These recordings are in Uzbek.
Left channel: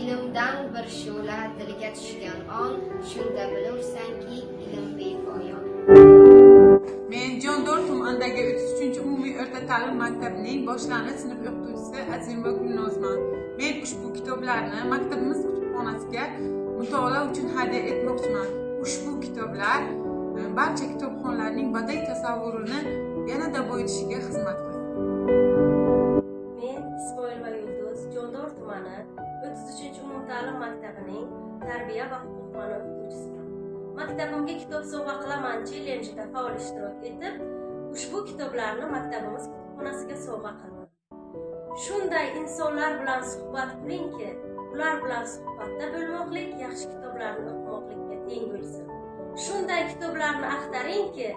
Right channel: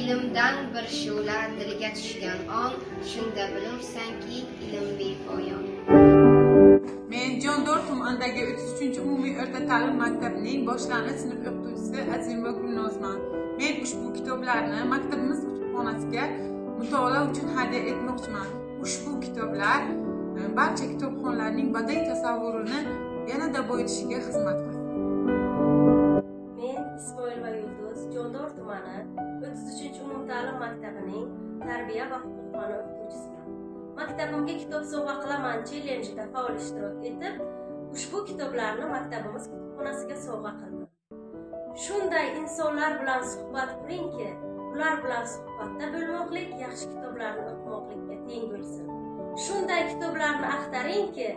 ilmdan bir shu'la dilga tushgan on, shunda bilursanki ilm bepoyon. Men Jondor tumanidagi 33-umumiy o'rta ta'lim maktabining boshlang'ich sinf o'qituvchisi Azimova Gulnozman. Men ushbu kitoblarni maktabimiz kutubxonasiga mutolaa uchun hadya etmoqchiman. Ushbu kitoblar barcha kitobxonlarning badiiy tasavvurini yanada boyitishiga xizmat qiladi. Men Ismoilova Yulduz, Jondor tumani 33-umumta'lim maktabining tarbiya va huquq fani o'qituvchisiman. Maktabimga kitob sovg'a qilaman chellenjida faol ishtirok etib, ushbu kitoblarni maktabimiz kutubxonasiga sovg'a qildim. Shunday insonlar bilan suhbat quringki, ular bilan suhbatda bo'lmoqlik yaxshi kitoblarni o'qimoqlikka teng bo'lsin. Shunday kitoblarni axtaringki,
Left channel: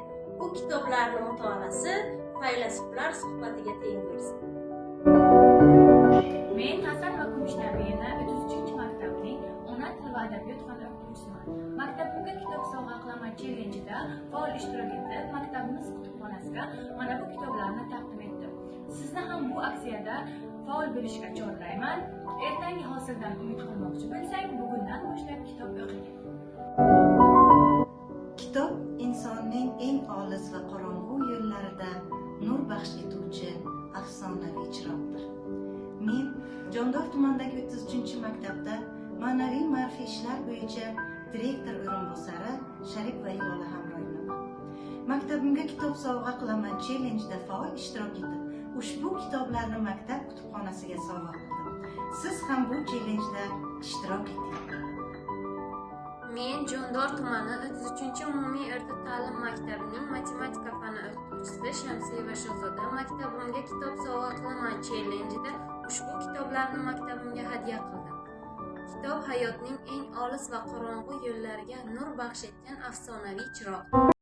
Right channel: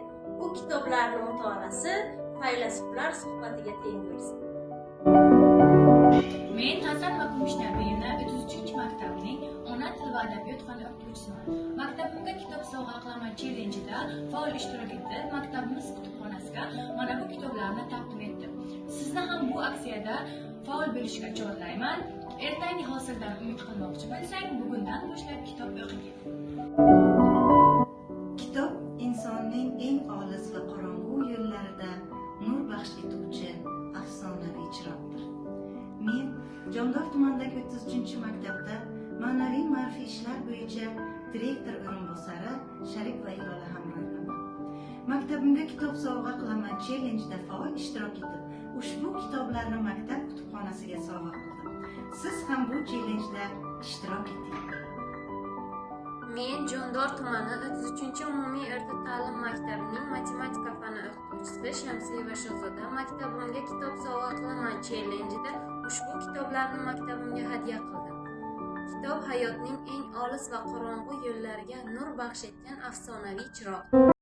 u kitoblarni mutolaasi faylasuflar suhbatiga teng bo'lsin. Men Hasan va Kumushnabiyevna 33-maktabning ona tili va adabiyot fani o'qituvchisiman. Maktabimga kitob sovg'a qilaman chellenjida faol ishtirok etib, maktabimiz kutubxonasiga mana bu kitoblarni taqdim etdim. Sizni ham bu aksiyada faol bo'lishga chorlayman. Ertangi hosildan umid qilmoqchi bo'lsang, bugundan boshlab kitob o'qing. Kitob insonning eng olis va qorong'u yo'llarida nur baxsh etuvchi afsonaviy chiroqdir. Men Jondor tumanidagi 33-maktabda ma'naviy ma'rifiy ishlar bo'yicha direktor o'rinbosari Sharik va Ilola Hamroyevaman. Maktabimga kitob sovg'a qilaman chellenjida faol ishtirok etib, ushbu kitoblarni maktab kutubxonasiga sovg'a qildim. Siz ham bu chellenjda ishtirok eting. Men Jondor tumani 33-umumiy o'rta ta'lim maktabining matematika fani o'qituvchisi Shamsiyeva Shahzoda. Maktabimga kitob sovg'a qilaman chellenjida ushbu kitoblarni maktabimga hadya qildim. Kitob hayotning eng olis va qorong'u yo'llariga nur baxsh etgan afsonaviy chiroq.